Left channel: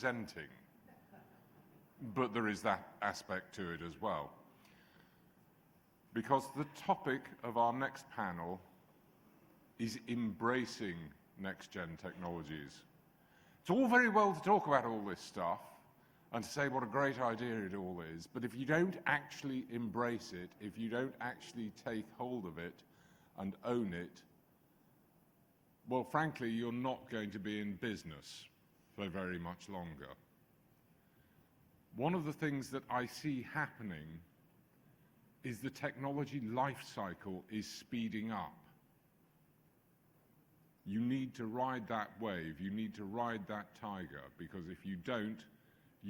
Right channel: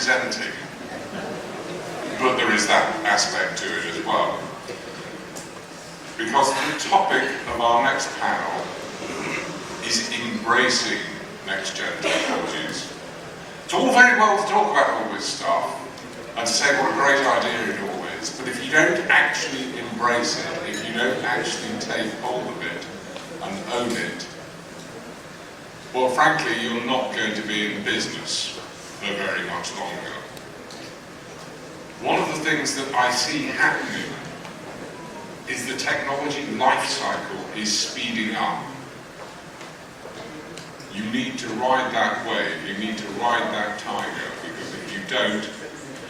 representing, but there is that aspect to it as well. Because the topic of our next panel is embracing next-gen technologies. It's all very well to talk about all this stuff and to say what a great idea it all is, but if you don't actually embrace it, if you don't actually take hold of it and own it, well, frankly, you're not going to be in business for very much longer. One of the things that I see happening is the technology life cycle is speeding up. You need to ride that wave, you need to ride that tiger, because if you don't,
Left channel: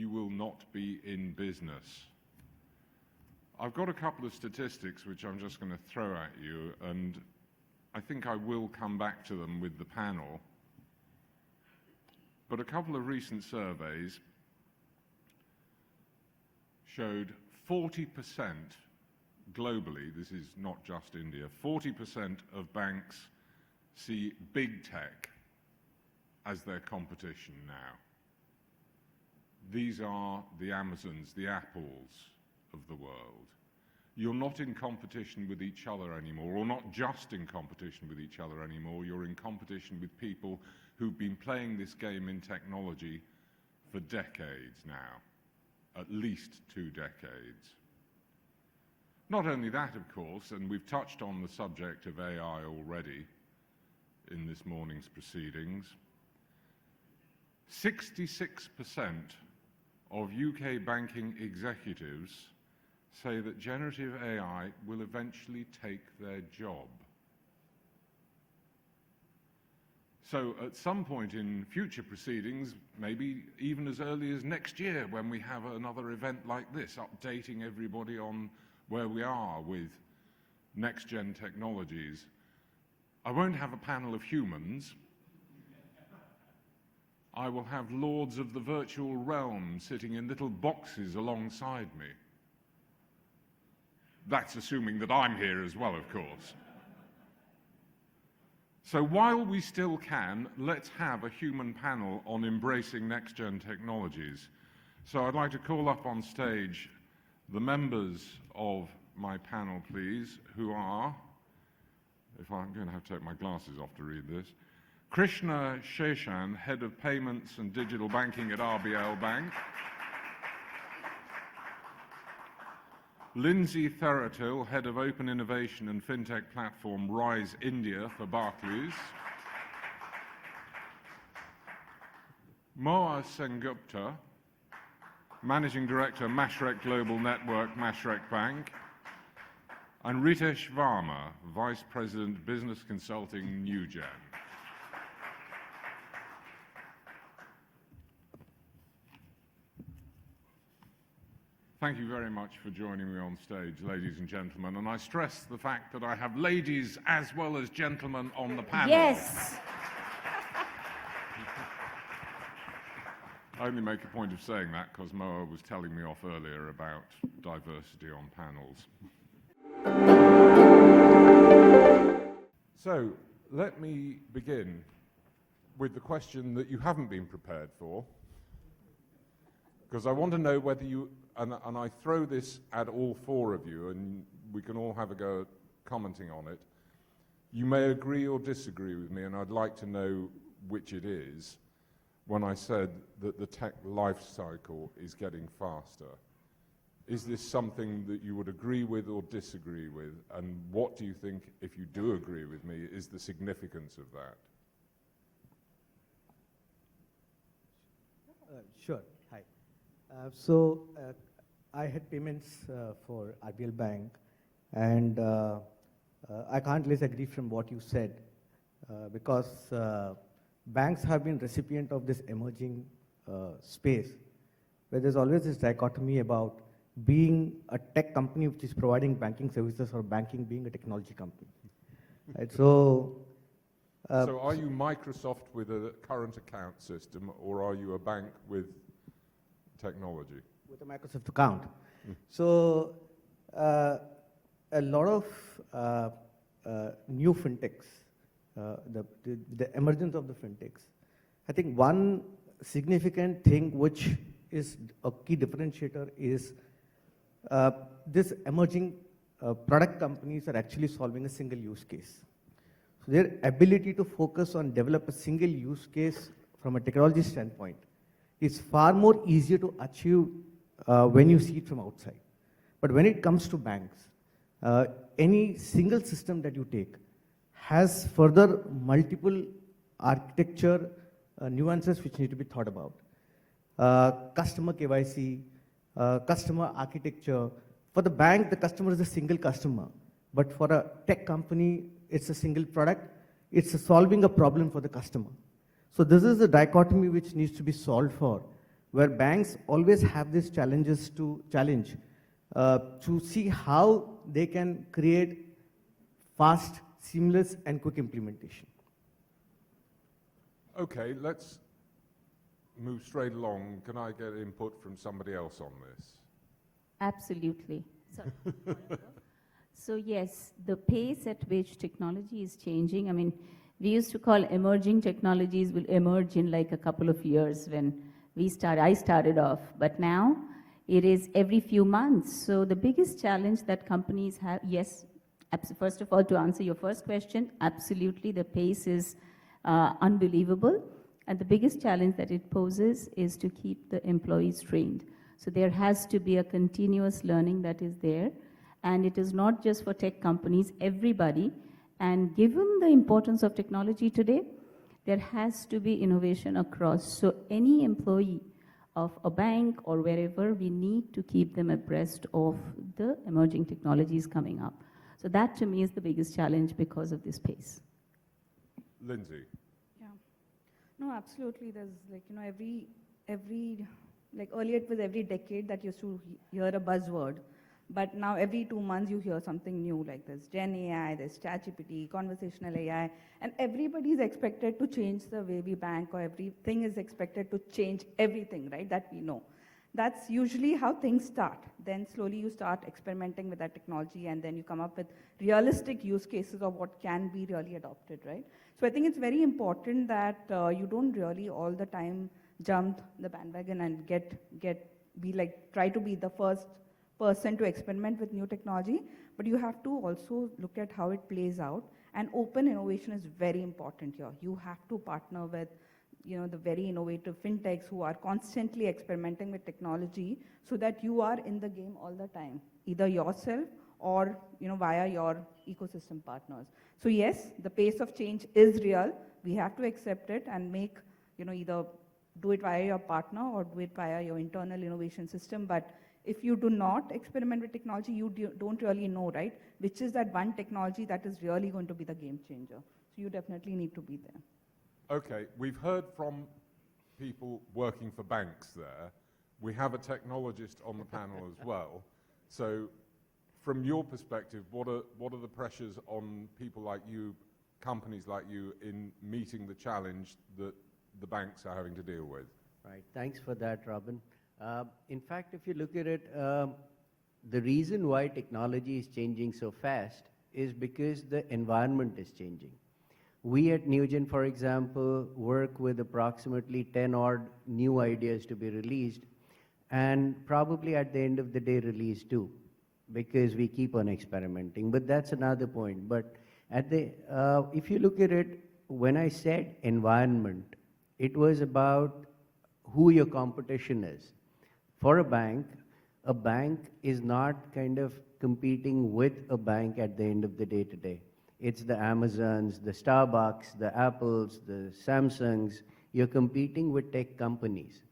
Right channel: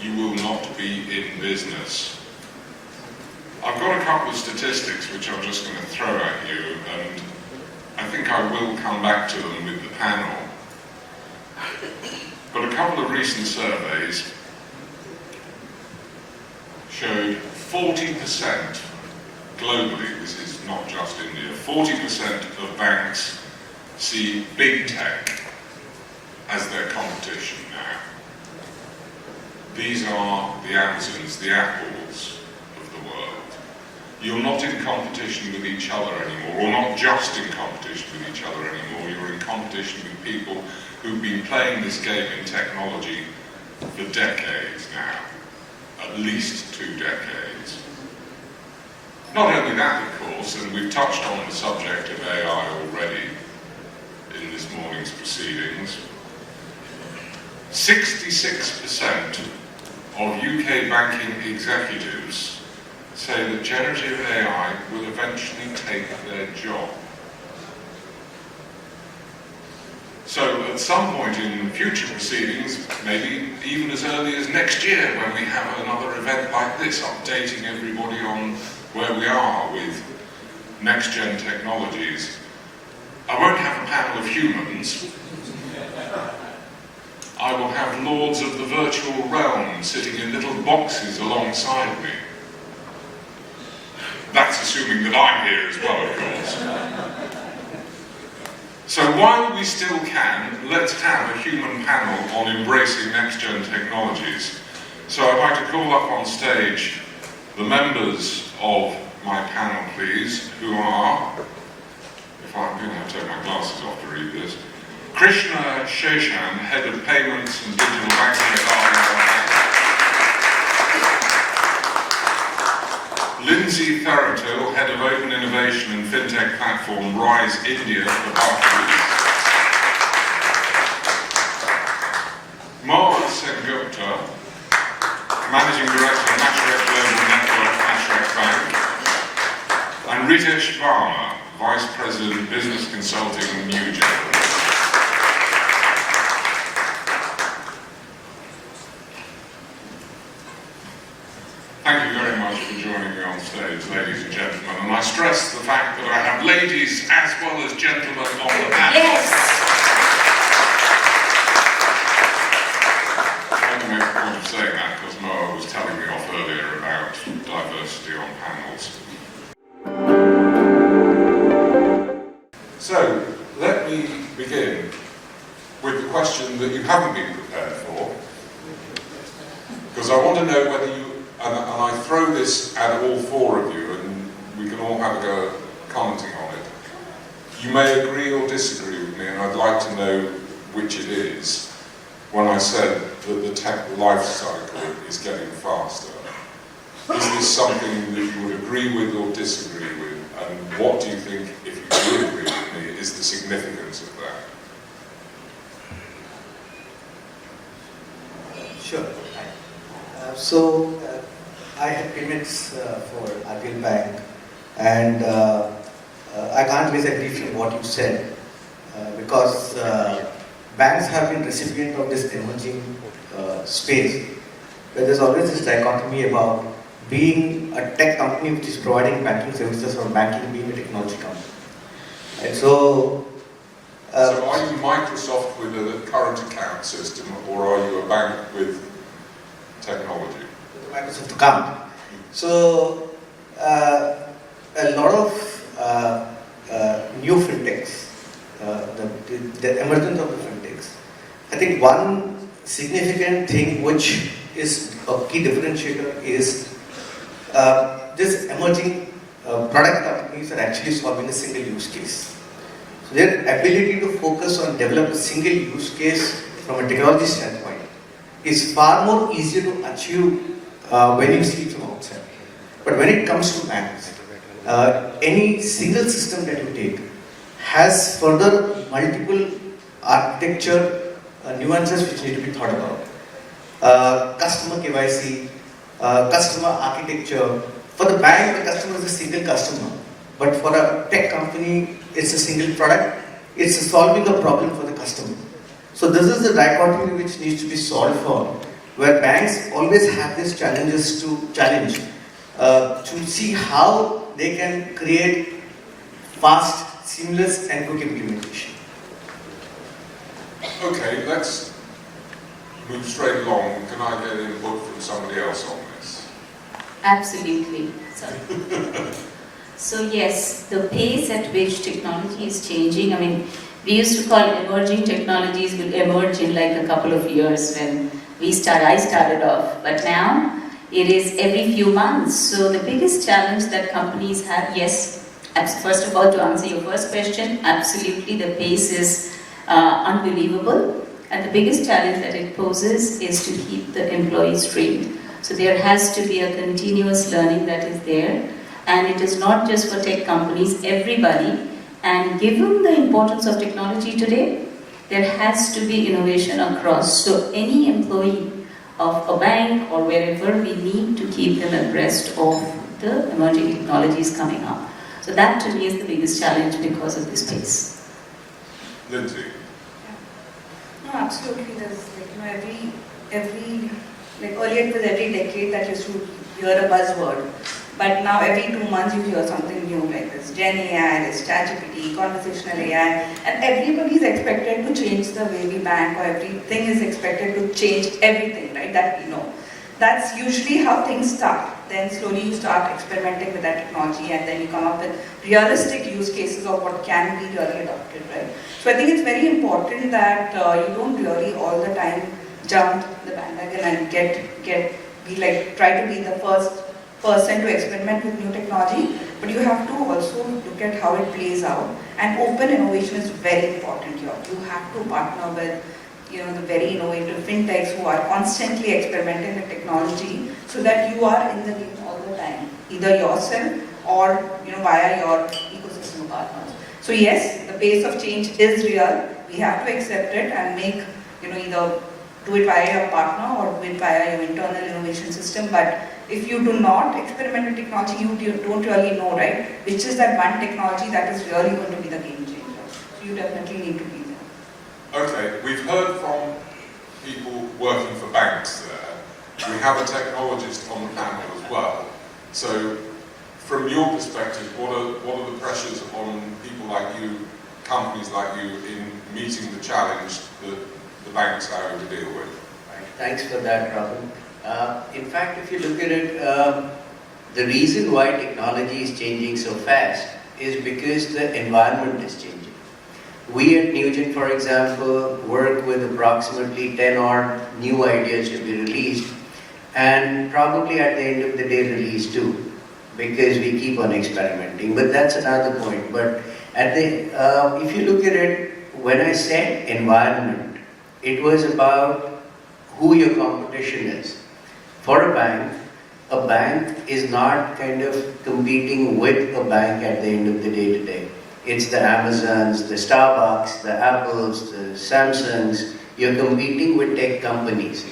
you will not be in business. I've got a couple of statistics which I'm just going to throw at you, and I think I will come back to them with the panel. But a couple of recent surveys showed 40% globally, this is not just India, 40% of banks see big tech as their competition now. These are the Amazons, the Apples of the world. You're not in competition with each other anymore, or not just in competition with each other anymore, you're in competition with people who've been playing this game in technology for decades now, at least 2 decades. Not only that, of course, and we've touched on the subject of AI already in this morning's proceedings, 66% of UK banking executives say that generative AI will eventually take their job. So at some point in future proceedings, maybe even as early as next year, when we have another event like this, updating everybody on where we are with next-gen technologies, I won't have a panel of humans. I will have lords of the virtual realm sitting in little boxes alongside me. That's assuming that I'm here as well, of course. So while we still can, let's have a human panel on embracing next-gen technologies. So I'd like to call up on stage the members of my panel, please, who are, if I'm going to have to take my glasses off to read this, Krishnha, Sheshan, Head of Payments and Digital Banking at Lincy, Therattil, Head of Open Innovation and FinTech Platform Rise India for Barclays. Mohua Sengupta, Managing Director of Mashreq Global Network, Mashreq Bank. And Ritesh, Varma, Vice President Business Consulting, Newgen. Thank you very much for joining me on stage, ladies and gentlemen. And I stress the fact that I have ladies as well as gentlemen on the panel. Yes! I don't make a point of saying that because Mohua was telling me off earlier about diversity on panels. So, let me begin with the question that you haven't been prepared for, because I want to know whether you, and I throw this at all 4 of you, and we can all have a go at commenting on it. You may agree or disagree with me, and I'd like to know which it is, when I said that the tech life cycle is getting faster. Is this something that you would agree with or disagree with? And what do you think, if you do agree with me, is the significance of that? Sure. I had payments for RBL Bank, and I can't disagree with what you said, because banks have been recipient of this emerging space, where there's always this dichotomy about being a tech company which is providing banking services or banking being a technology company. Right? So are you Microsoft with a current account system, or are you a bank with technology? Microsoft account. So a lot of new fintechs, the emergence of the fintechs. I think one significant thing which is a key differentiator is this emerging product companies are actually solving a single use case. So their ability to focus on develop a single use case from a technology standpoint is far more easier to achieve when you see it from outside. But when it comes to banks, any single system that you take has further multiple architecture nuances which need to be thought about. Customer KYC, customer architecture. For the bank, the customer is a single customer. But for a tech company, it's a single product. It's solving a problem for the customer. So this is the dichotomy which needs to be solved for, where banks always have these challenges to challenge, to see how they can create fast, seamless and quick implementation. Okay, let's move straight along. Can I get input from somebody else on this? Absolutely. So yes, the pace at which technology is changing, I mean, we used to call emerging technologies will emerge in like a couple of years when I started off, but now it is every few months. So the biggest challenge that companies have, yes, first of all, to answer your first question, absolutely the pace is unbelievable, and the biggest challenge that it poses is to keep the employees trained. So there has to be a continuous learning that is there, and it is not just for tech companies, everybody. And given the importance of technology today, there has to be innovation across. So any employee of a bank or wherever, we need to keep them abreast of the emerging technologies coming up. So that to me is the biggest challenge because of this space. Lindsay? No, absolutely. There's every earlier it was every decade that used to hear a buzzword. But now every 2 months you hear something new like this Gen AI, this ChatGPT, conversational AI, and everybody is expected to change the way we bank, or everything is expected to change everything, right? That we know. That's usually how things start. Then slowly you start experimenting with that technology, and then you come up with realistic use cases of what can be really adopted, right? So I think it's very important that you don't really all the time jump the bandwagon and try to be the first person to experiment with new technology, but you have to also look at how it plays out. And open innovation is very important here. You have to partner with the very innovative FinTechs who are constantly experimenting with technology, so that you are in the game all the time, either yourself or via your ecosystem partners. So yes, the pace of change is real. We have to accept it and make either do it via your partner or do it via your internal innovation system. But if you do not experiment with technology, you don't really know, right, which is that one technology that is really going to be the game changer. So you definitely need to be there. Okay, we've heard from people working for banks there. We have a technologist on the panel as well. So from your perspective, what are the pressures on people like you, companies like you, in meeting the challenge that the banks are having to deal with? Right. Thanks for that, Rahul. In fact, if you look at it, the reason why technology is changing so fast is because the environment is changing. We at Newgen, for example, work with approximately 10 odd new ideas to be released, and probably at the end of the day release 2, because we keep on experimenting. But that's another point. But if you look at it, when I said environment, it was about who your competition is. For a bank is not kind of competing with a bank at the end of the day today. It's the Amazons, the Starbucks, the Apples, the Samsungs. You're competing with tech companies.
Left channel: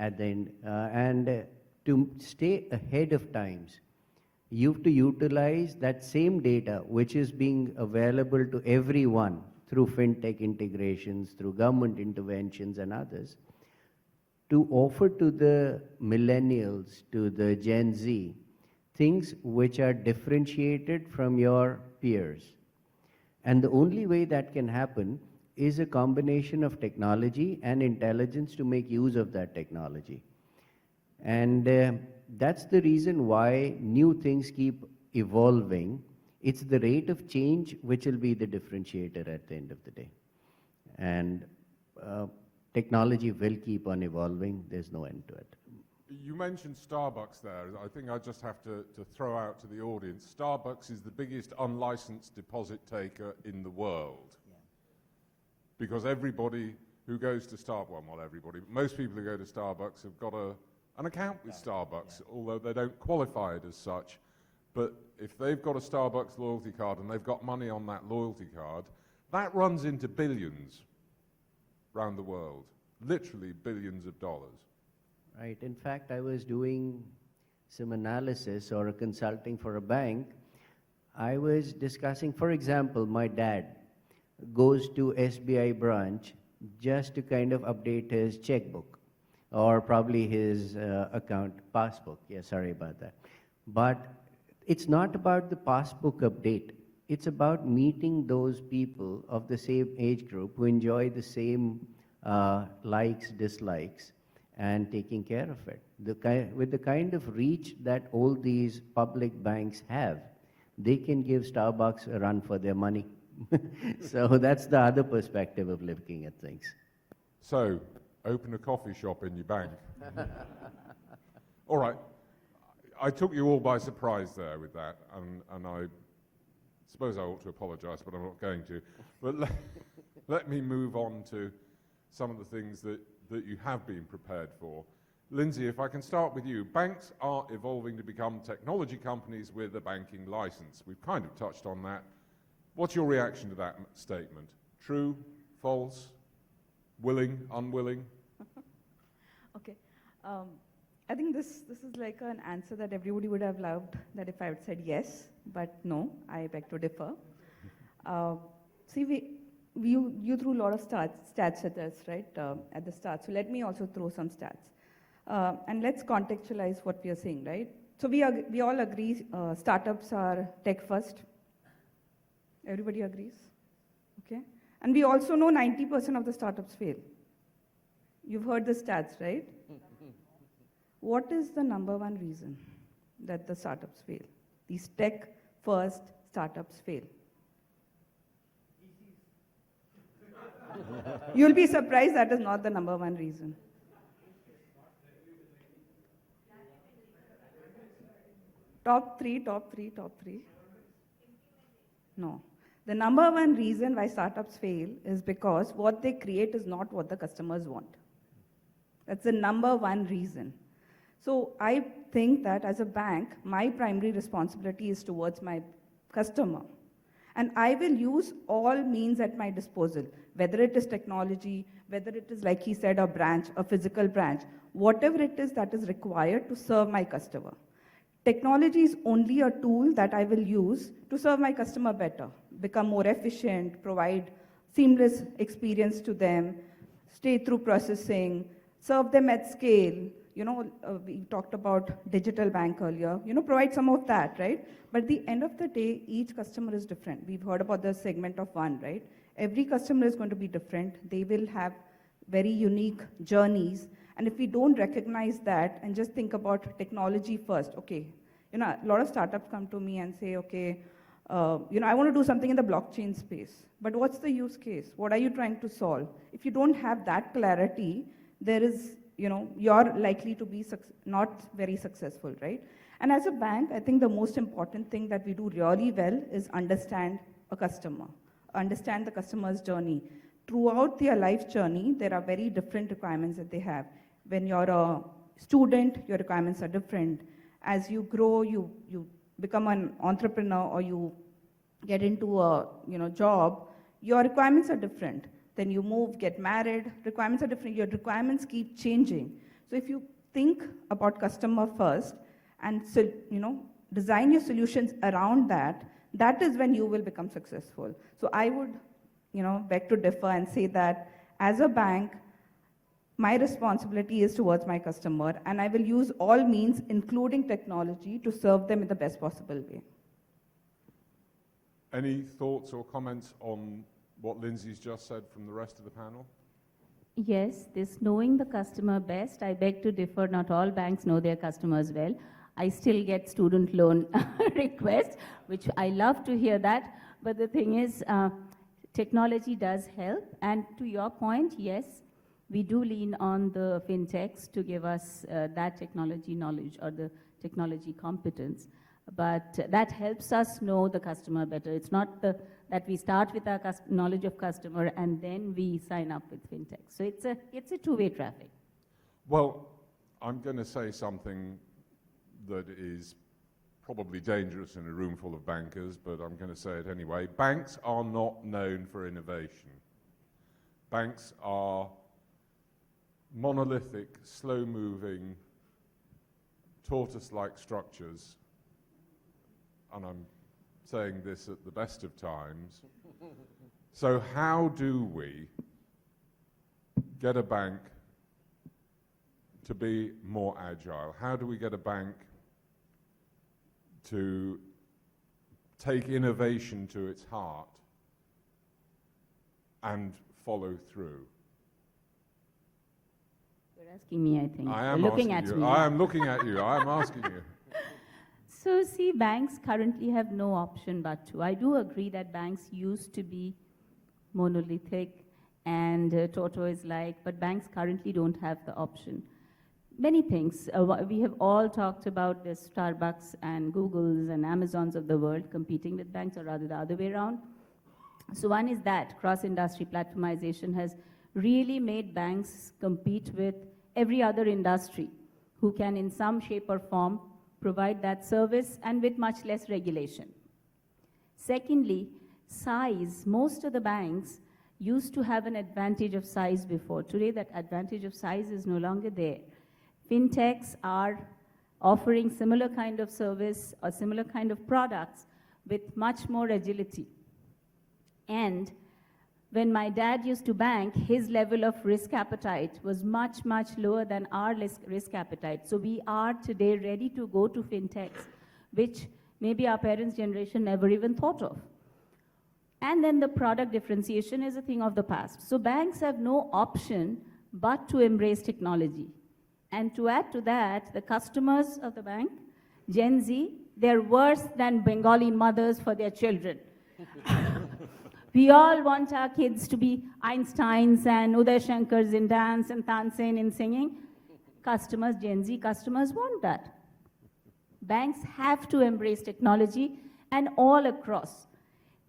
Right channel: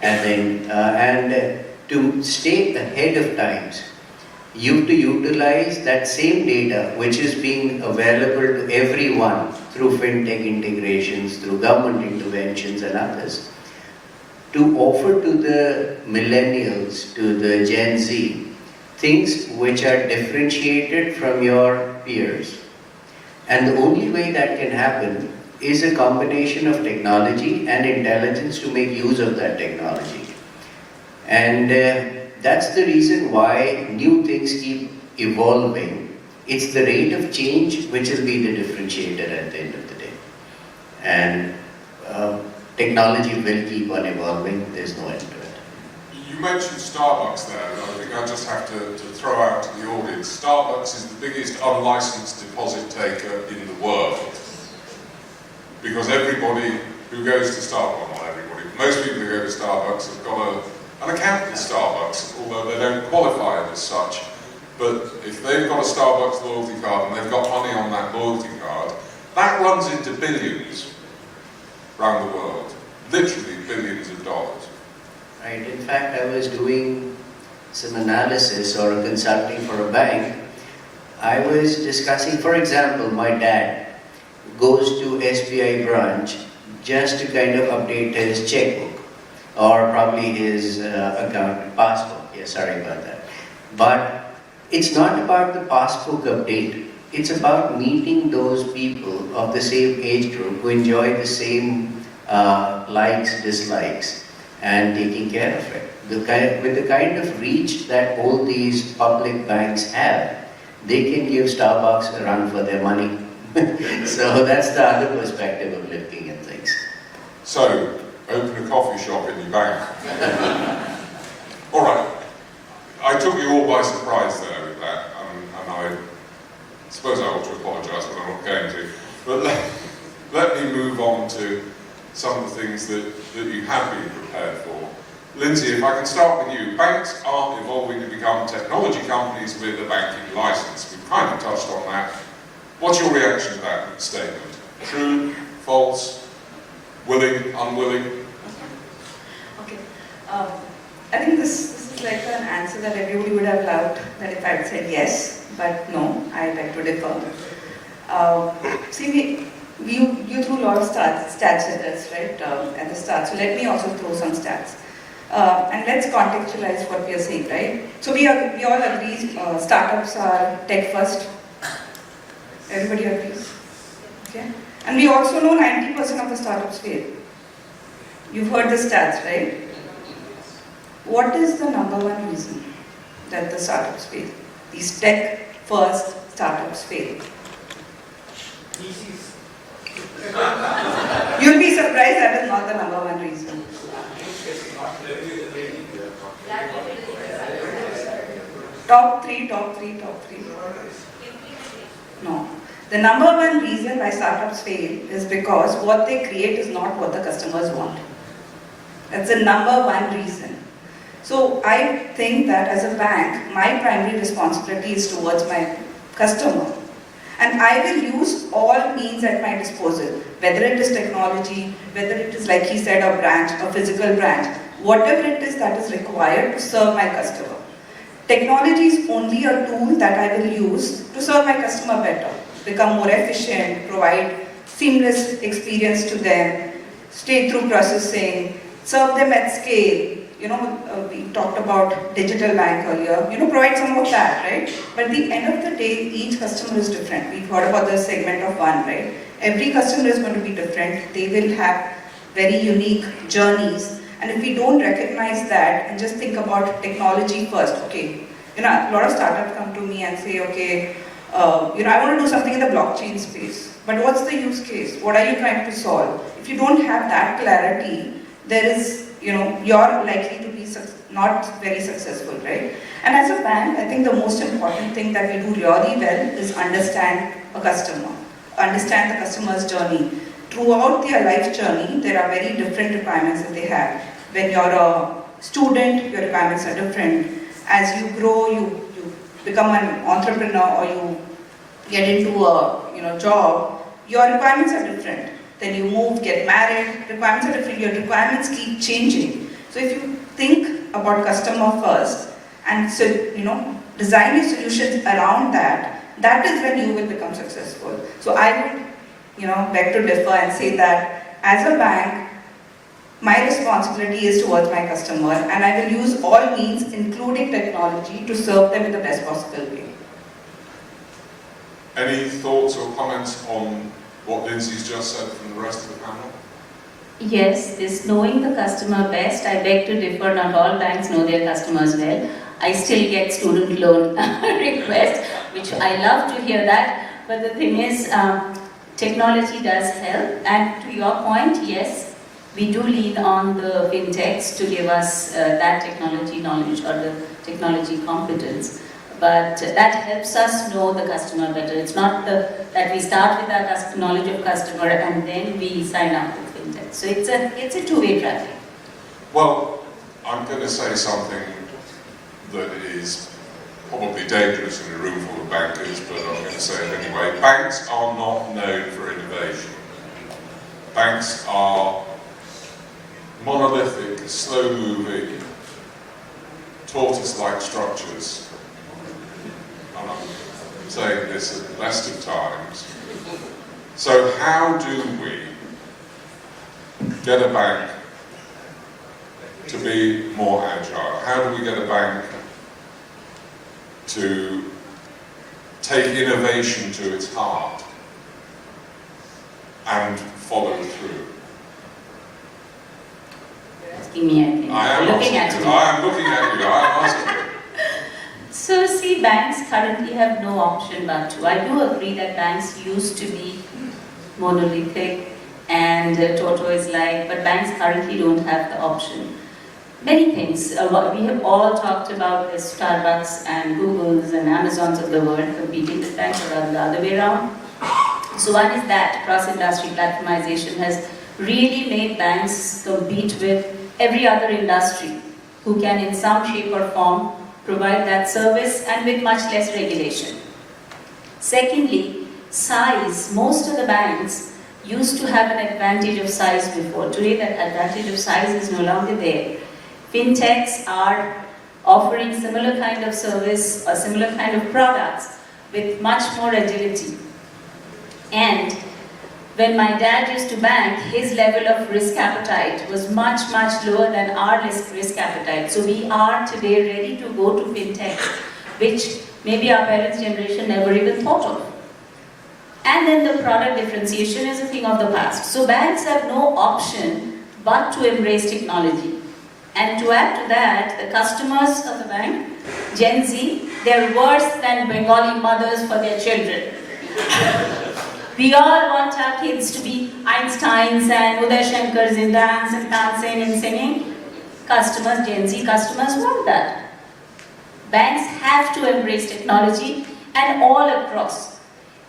And to stay ahead of times, you have to utilize that same data which is being available to everyone through FinTech integrations, through government interventions and others, to offer to the millennials, to the Gen Z, things which are differentiated from your peers. And the only way that can happen is a combination of technology and intelligence to make use of that technology. And that's the reason why new things keep evolving. It's the rate of change which will be the differentiator at the end of the day. And technology will keep on evolving, there's no end to it. You mentioned Starbucks there, and I think I just have to throw out to the audience. Starbucks is the biggest unlicensed deposit taker in the world. Because everybody who goes to Starbucks, well, not everybody, most people who go to Starbucks have got an account at Starbucks, although they don't qualify it as such. But if they've got a Starbucks loyalty card and they've got money on that loyalty card, that runs into billions around the world. Literally billions of dollars. Right. In fact, I was doing some analysis or consulting for a bank. I was discussing, for example, my dad goes to SBI branch just to kind of update his checkbook or probably his account passbook. Yeah, sorry about that. But it's not about the passbook update. It's about meeting those people of the same age group who enjoy the same likes, dislikes, and taking care of it. With the kind of reach that all these public banks have, they can give Starbucks a run for their money. So that's the other perspective of looking at things. So, open a coffee shop in your bank. All right. I took you all by surprise there with that, and I suppose I ought to apologise, but I'm not going to. But let me move on to some of the things that you have been prepared for. Lincy, if I can start with you. Banks are evolving to become technology companies with a banking licence. We've kind of touched on that. What's your reaction to that statement? True, false, willing, unwilling? Okay. I think this is like an answer that everybody would have loved, that if I had said yes, but no, I beg to differ. See, you threw a lot of stats at us, right, at the start. So let me also throw some stats. And let's contextualize what we are saying, right? So we all agree startups are tech first. Everybody agrees? Okay? And we also know 90% of the startups fail. You've heard the stats, right? What is the number one reason that the startups fail? These tech first startups fail. You'll be surprised that is not the number one reason. Top three. No. The number one reason why startups fail is because what they create is not what the customers want. That's the number one reason. So I think that as a bank, my primary responsibility is towards my customer. And I will use all means at my disposal, whether it is technology, whether it is, like he said, a branch, a physical branch, whatever it is that is required to serve my customer. Technology is only a tool that I will use to serve my customer better, become more efficient, provide seamless experience to them, straight-through processing, serve them at scale. We talked about digital bank earlier, provide some of that, right? But at the end of the day, each customer is different. We've heard about the segment of one, right? Every customer is going to be different. They will have very unique journeys. And if we don't recognize that and just think about technology first, okay, a lot of startups come to me and say, okay, I want to do something in the blockchain space. But what's the use case? What are you trying to solve? If you don't have that clarity, there is, you're likely to be not very successful, right? And as a bank, I think the most important thing that we do really well is understand a customer, understand the customer's journey. Throughout their life journey, there are very different requirements that they have. When you're a student, your requirements are different. As you grow, you become an entrepreneur or you get into a job, your requirements are different. Then you move, get married, requirements are different, your requirements keep changing. So if you think about customer first and design your solutions around that, that is when you will become successful. So I would beg to differ and say that as a bank, my responsibility is towards my customer and I will use all means, including technology, to serve them in the best possible way. Any thoughts or comments on what Lincy's just said from the rest of the panel? Yes, this knowing the customer best, I beg to differ, not all banks know their customers well. I still get student loan requests, which I love to hear that. But the thing is, technology does help. And to your point, yes, we do lean on the fintechs to give us that technology knowledge or the technology competence. But that helps us know the customer better. It's not that we start with our knowledge of customer and then we sign up with fintech. So it's a two-way traffic. Well, I'm going to say something that is probably dangerous in a room full of bankers, but I'm going to say it anyway. Banks are not known for innovation. Banks are monolithic, slow-moving, tortoise-like structures. And I'm saying this at the best of times. So how do we get a bank to be more agile? How do we get a bank to take innovation to its heart and follow through? Asking me, I think. I am looking at you. I am looking at you. I am asking you. So see, banks currently have no option but to. I do agree that banks used to be monolithic and tortoise-like, but banks currently don't have the option. Many things. We have all talked about the Starbucks and Googles and Amazons of the world competing with banks, or rather the other way around. So one is that cross-industry platformization has really made banks compete with every other industry who can in some shape or form provide that service and with much less regulation. Secondly, size. Most of the banks used to have an advantage of size before. Today that advantage of size is no longer there. Fintechs are offering similar kind of service or similar kind of products with much more agility. And when my dad used to bank, his level of risk appetite was much, much lower than our risk appetite. So we are today ready to go to fintech, which maybe our parents' generation never even thought of. And then the product differentiation is a thing of the past. So banks have no option but to embrace technology. And to add to that, the customers of the bank, Gen Z, they're worse than Bengali mothers for their children. We all want our kids to be Einsteins and Uday Shankars in dance and dancing and singing. Customers, Gen Z customers want that. Banks have to embrace technology and all across.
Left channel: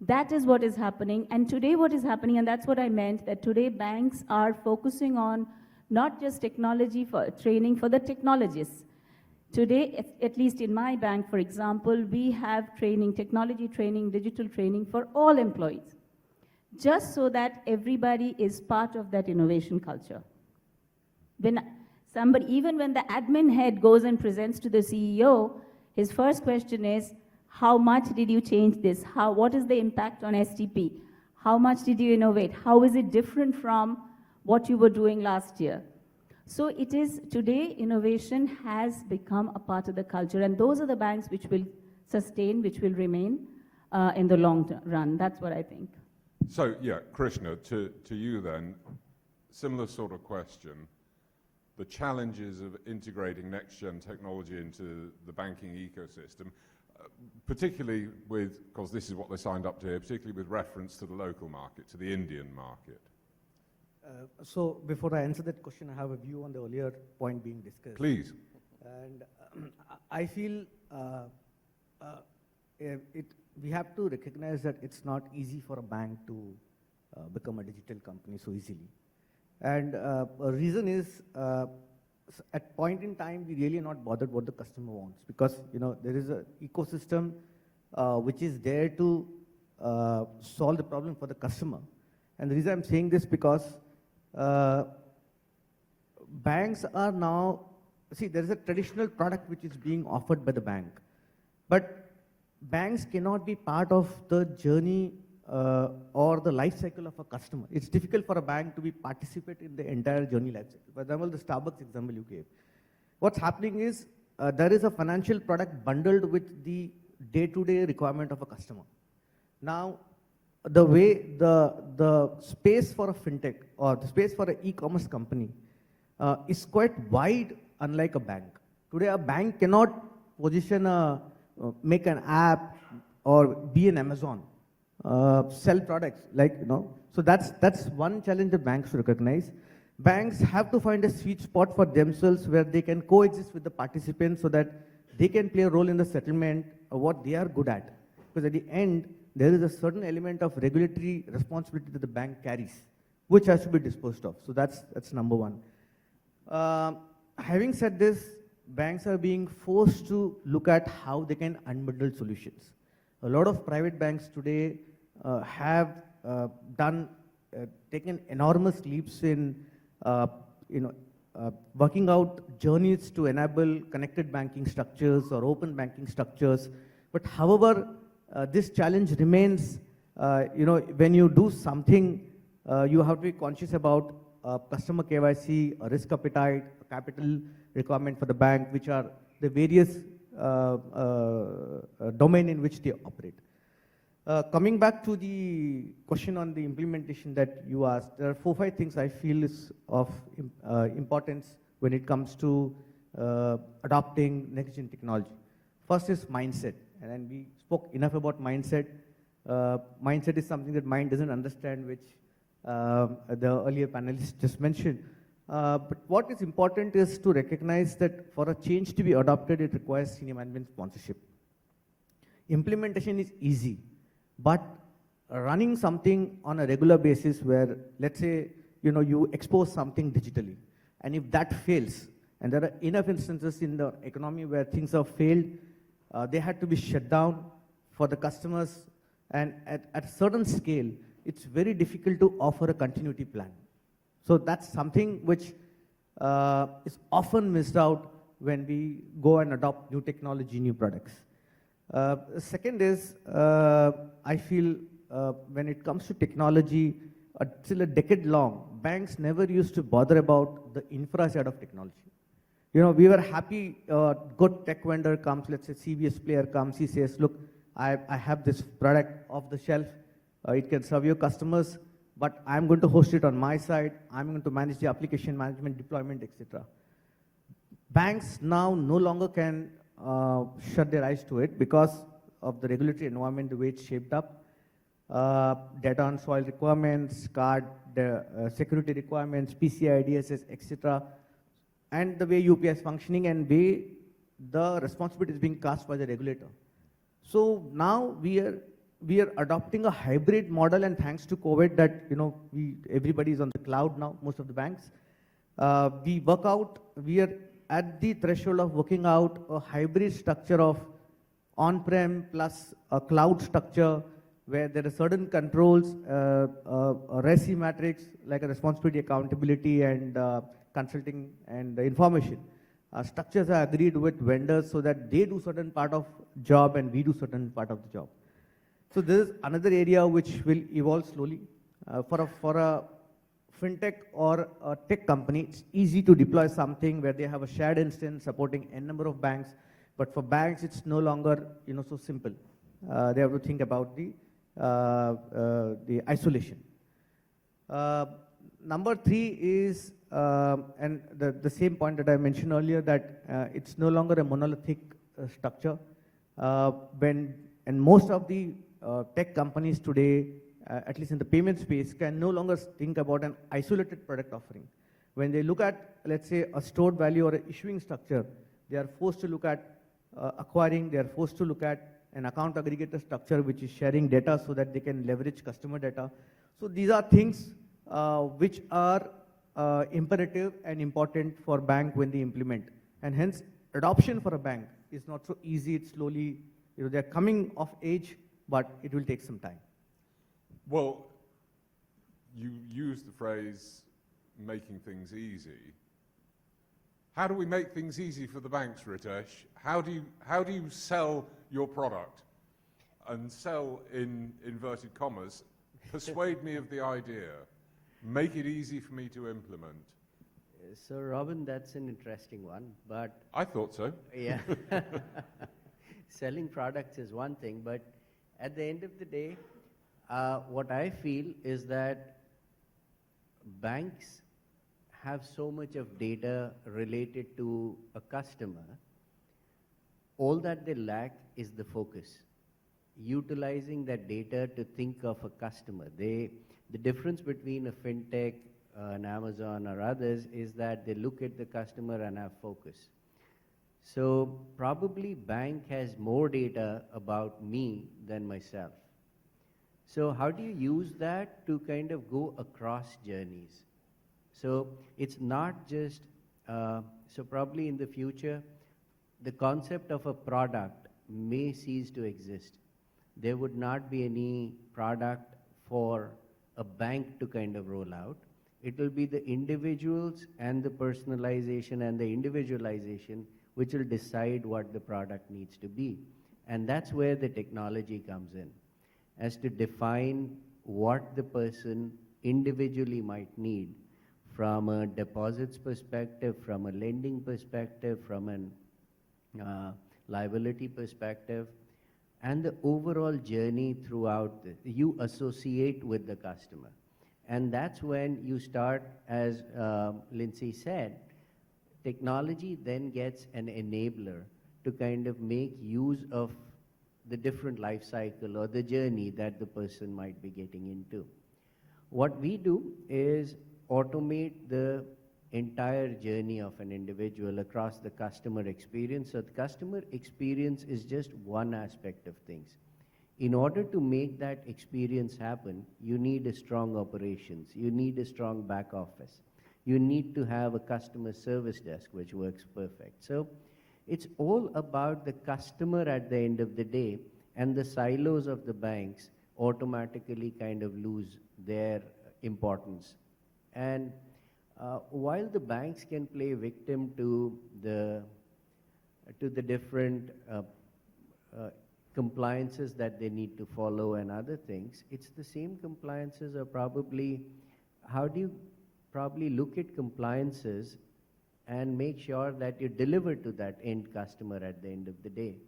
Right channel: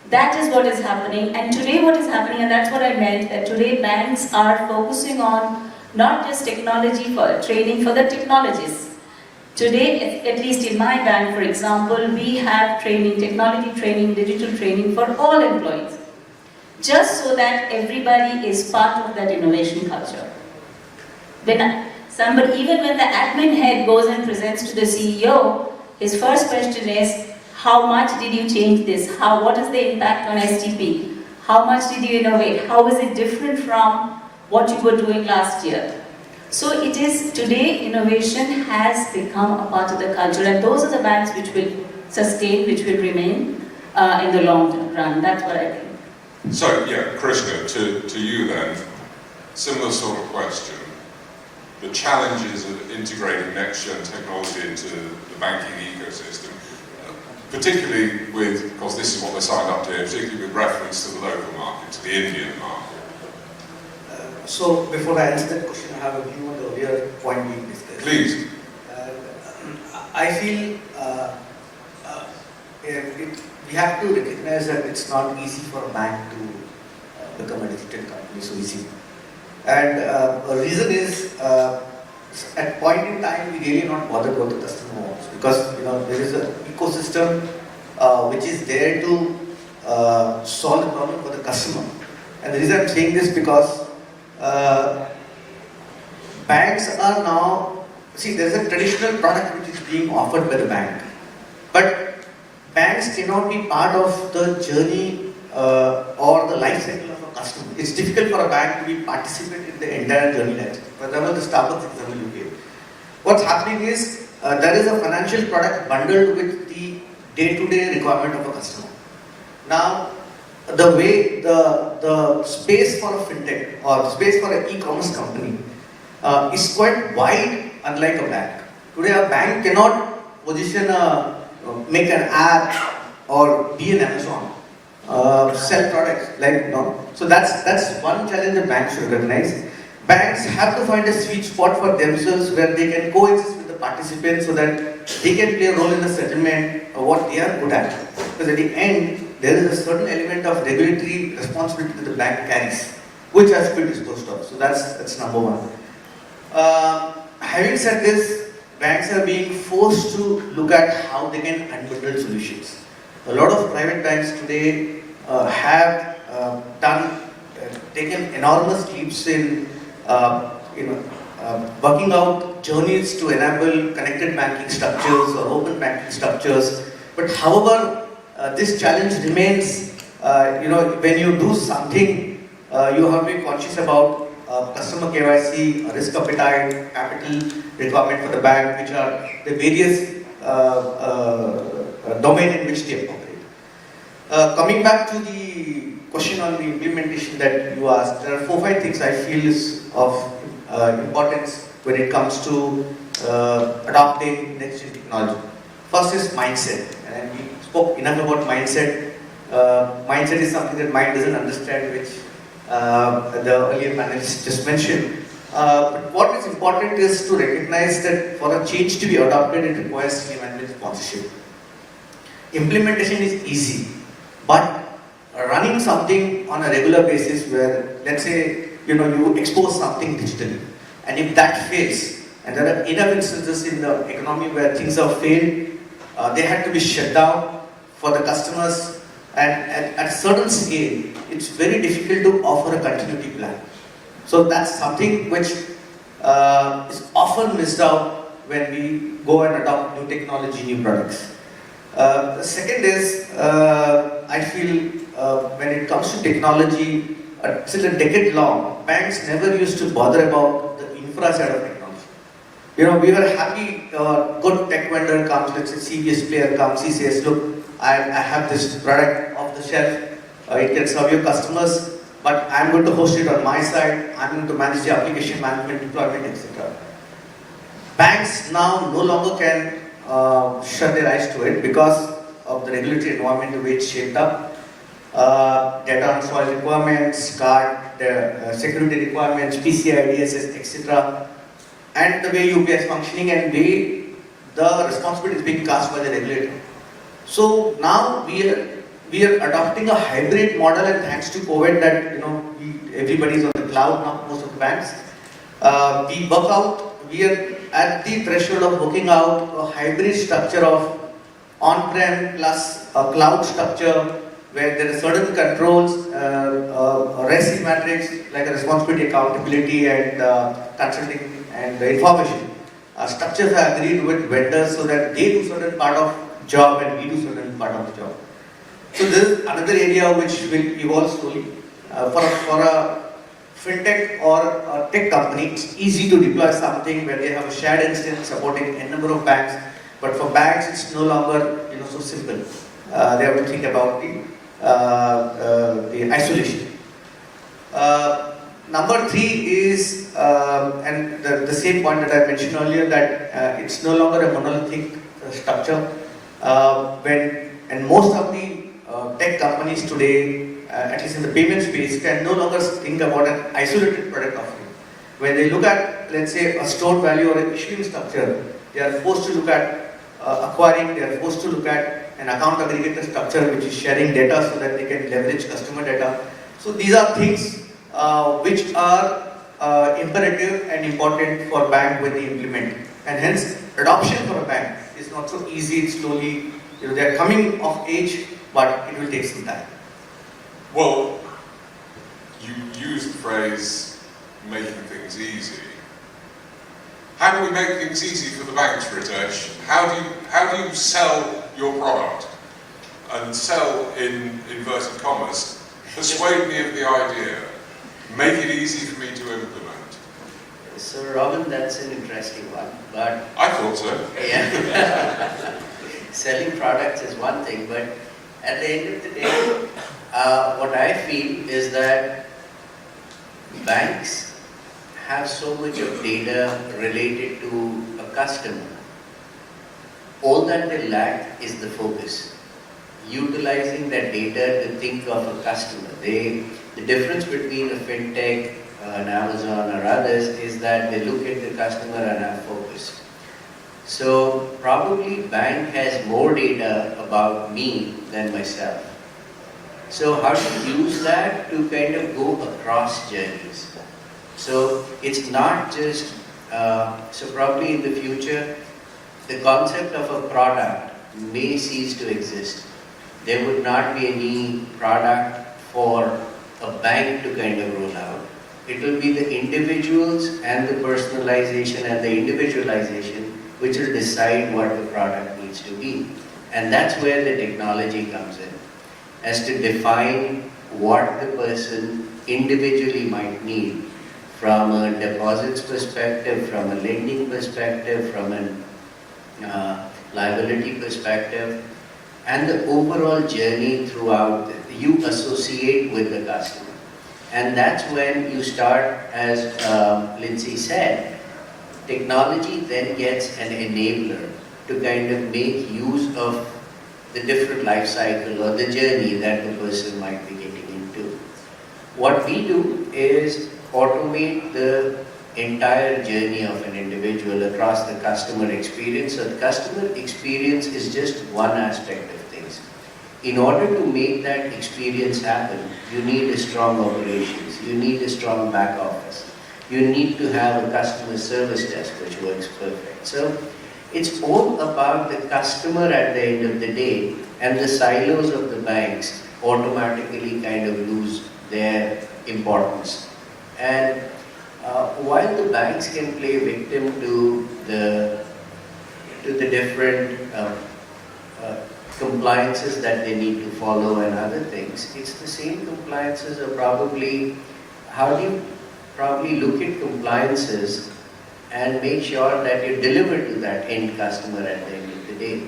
That is what is happening. And today what is happening, and that's what I meant, today banks are focusing on not just technology for training for the technologists. Today, at least in my bank, for example, we have training, technology training, digital training for all employees. Just so that everybody is part of that innovation culture. Even when the admin head goes and presents to the CEO, his first question is, how much did you change this? What is the impact on STP? How much did you innovate? How is it different from what you were doing last year? So it is, today innovation has become a part of the culture, and those are the banks which will sustain, which will remain in the long run. That's what I think. So, yeah, Krishnha, to you then, similar sort of question. The challenges of integrating NextGen technology into the banking ecosystem, particularly with, of course this is what they signed up to, particularly with reference to the local market, to the Indian market. So, before I answer that question, I have a view on the earlier point being discussed. Please. I feel we have to recognize that it's not easy for a bank to become a digital company so easy. And the reason is, at point in time, we really not bother what the customer wants, because there is an ecosystem which is there to solve the problem for the customer. And the reason I'm saying this because banks are now, there is a traditional product which is being offered by the bank, but banks cannot be part of the journey or the life cycle of a customer. It's difficult for a bank to be participant in the entire journey life cycle. For example, the Starbucks example you gave. What's happening is there is a financial product bundled with the day-to-day requirement of a customer. Now, the way the space for a fintech or space for an e-commerce company is quite wide, unlike a bank. Today, a bank cannot position make an app or be an Amazon, sell products, So that's one challenge the bank should recognize. banks have to find a sweet spot for themselves where they can coexist with the participants so that they can play a role in the settlement of what they are good at. Because at the end, there is a certain element of regulatory responsibility that the bank carries, which has to be disclosed of. So that's number one. Having said this, banks are being forced to look at how they can unbundle solutions. A lot of private banks today have taken enormous leaps in working out journeys to enable connected banking structures or open banking structures. But however, this challenge remains. When you do something, you have to be conscious about customer KYC, risk appetite, capital requirement for the bank, which are the various domain in which they operate. Coming back to the question on the implementation that you asked, there are 4-5 things I feel is of importance when it comes to adopting next-gen technology. First is mindset, and we spoke enough about mindset. Mindset is something that mind doesn't understand, which the earlier panelists just mentioned. But what is important is to recognize that for a change to be adopted, it requires senior management sponsorship. Implementation is easy, but running something on a regular basis where, let's say, you expose something digitally, and if that fails, and there are enough instances in the economy where things have failed, they had to be shut down for the customers, and at a certain scale, it's very difficult to offer a continuity plan. So that's something which is often missed out when we go and adopt new technology, new products. The second is, I feel when it comes to technology, till a decade long, banks never used to bother about the infra side of technology. We are happy, good tech vendor comes, let's say CBS player comes, he says, look, I have this product off the shelf, it can serve your customers, but I'm going to host it on my side, I'm going to manage the application management, deployment, etc. Banks now no longer can shut their eyes to it because of the regulatory environment the way it's shaped up. Data on soil requirements, card, security requirements, PCI DSS, etc. And the way UPI is functioning and way the responsibility is being cast by the regulator. So now we are adopting a hybrid model, and thanks to COVID that everybody is on the cloud now, most of the banks. We are at the threshold of working out a hybrid structure of on-prem plus a cloud structure where there are certain controls, REST matrix like responsibility, accountability, and consulting and information. Structures are agreed with vendors so that they do certain part of job and we do certain part of the job. So this is another area which will evolve slowly. For a FinTech or a tech company, it's easy to deploy something where they have a shared instance supporting a number of banks. But for banks, it's no longer so simple. They have to think about the isolation. Number 3 is, and the same point that I mentioned earlier, that it's no longer a monolithic structure. And most of the tech companies today, at least in the payment space, can no longer think about an isolated product offering. When they look at, let's say, a stored value or an issuing structure, they are forced to look at acquiring, they are forced to look at an account aggregator structure which is sharing data so that they can leverage customer data. So these are things which are imperative and important for bank when they implement. And hence, adoption for a bank is not so easy, it's slowly, they are coming of age, but it will take some time. Well, you used the phrase making things easy. How do we make things easy for the banks, Ritesh? How do you sell your product and sell in inverted commas? Persuade me of the idea. Make it easy for me to implement. So Robin, that's an interesting one. But I thought so. Yeah. Selling products is one thing, but at the end of the day, what I feel is that banks have so much of data related to a customer. All that they lack is the focus. Utilizing that data to think of a customer. The difference between a FinTech, an Amazon or others, is that they look at the customer and have focus. So probably bank has more data about me than myself. So how do you use that to kind of go across journeys? So it's not just, so probably in the future, the concept of a product may cease to exist. There would not be any product for a bank to kind of roll out. It will be the individuals and the personalization and the individualization which will decide what the product needs to be. And that's where the technology comes in, as to define what the person individually might need from a deposits perspective, from a lending perspective, from a liability perspective, and the overall journey throughout you associate with the customer. And that's when you start, as Lincy said, technology then gets an enabler to kind of make use of the different life cycle or the journey that the person might be getting into. What we do is automate the entire journey of an individual across the customer experience. So the customer experience is just one aspect of things. In order to make that experience happen, you need a strong operations, you need a strong back office, you need to have a customer service desk which works perfect. So it's all about the customer at the end of the day, and the silos of the banks automatically kind of lose their importance. And while the banks can play victim to the different compliances that they need to follow and other things, it's the same compliances are probably, how do you probably look at compliances and make sure that you deliver to that end customer at the end of the day.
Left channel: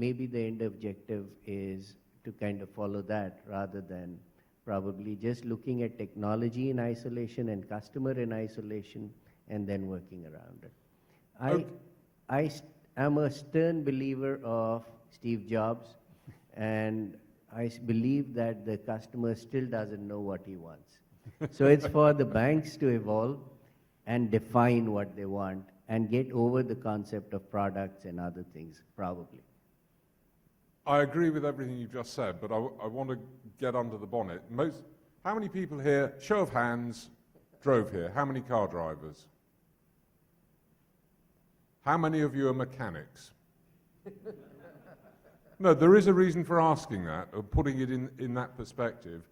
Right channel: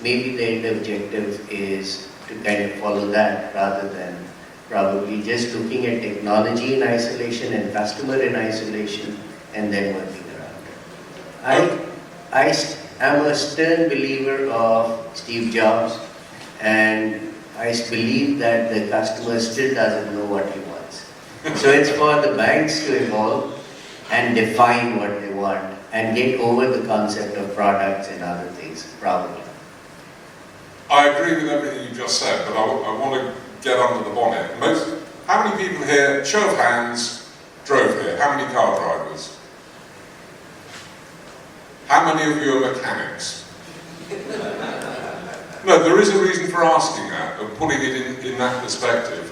Maybe the end objective is to kind of follow that rather than probably just looking at technology in isolation and customer in isolation and then working around it. I am a stern believer of Steve Jobs, and I believe that the customer still doesn't know what he wants. So it's for the banks to evolve and define what they want and get over the concept of products and other things, probably. I agree with everything you just said, but I want to get under the bonnet. How many people here, show of hands, drove here? How many car drivers? How many of you are mechanics? No, there is a reason for asking that, but putting it in that perspective.